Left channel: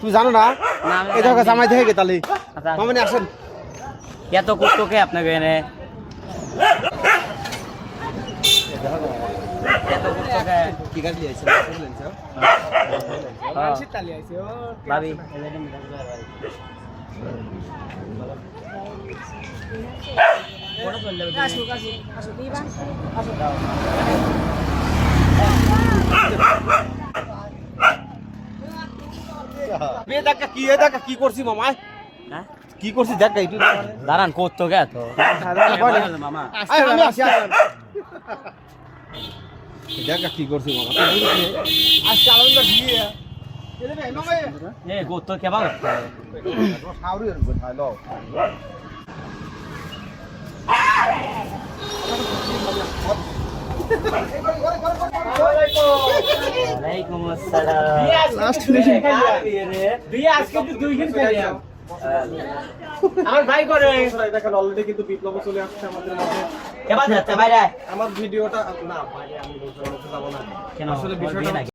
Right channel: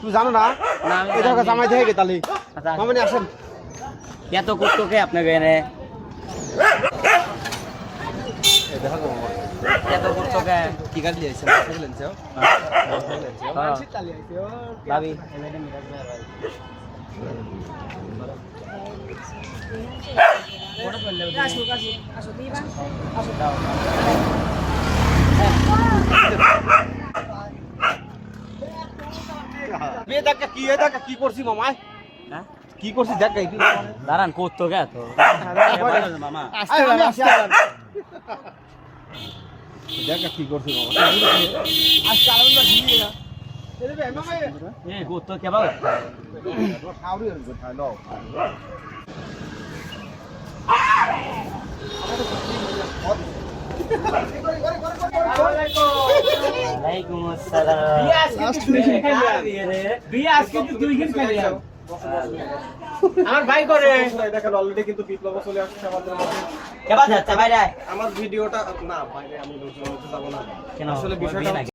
তুই জানো না এই জায়গা জামাই থেকে তাহলে মামনি আসেন এত কষ্টকে আপনাকে এনে কি গাড়ি আইছে ভাবি কি করছি মামা কি করছি দেখ দাঁড়ান করতো কে তো মামা দেখ কি করছি করতো কে ভালো ওয়ালাইকুম আসসালাম আমার ভাই করে দেখেন অলরেডি কিন্তু বিপ্লব চলে আসছে আমাদের মধ্যে। এবার যাচ্ছে বাইরে আমার ভিডিওটা না বাইরে আমি যাব না কেন আসলে বিষয়টা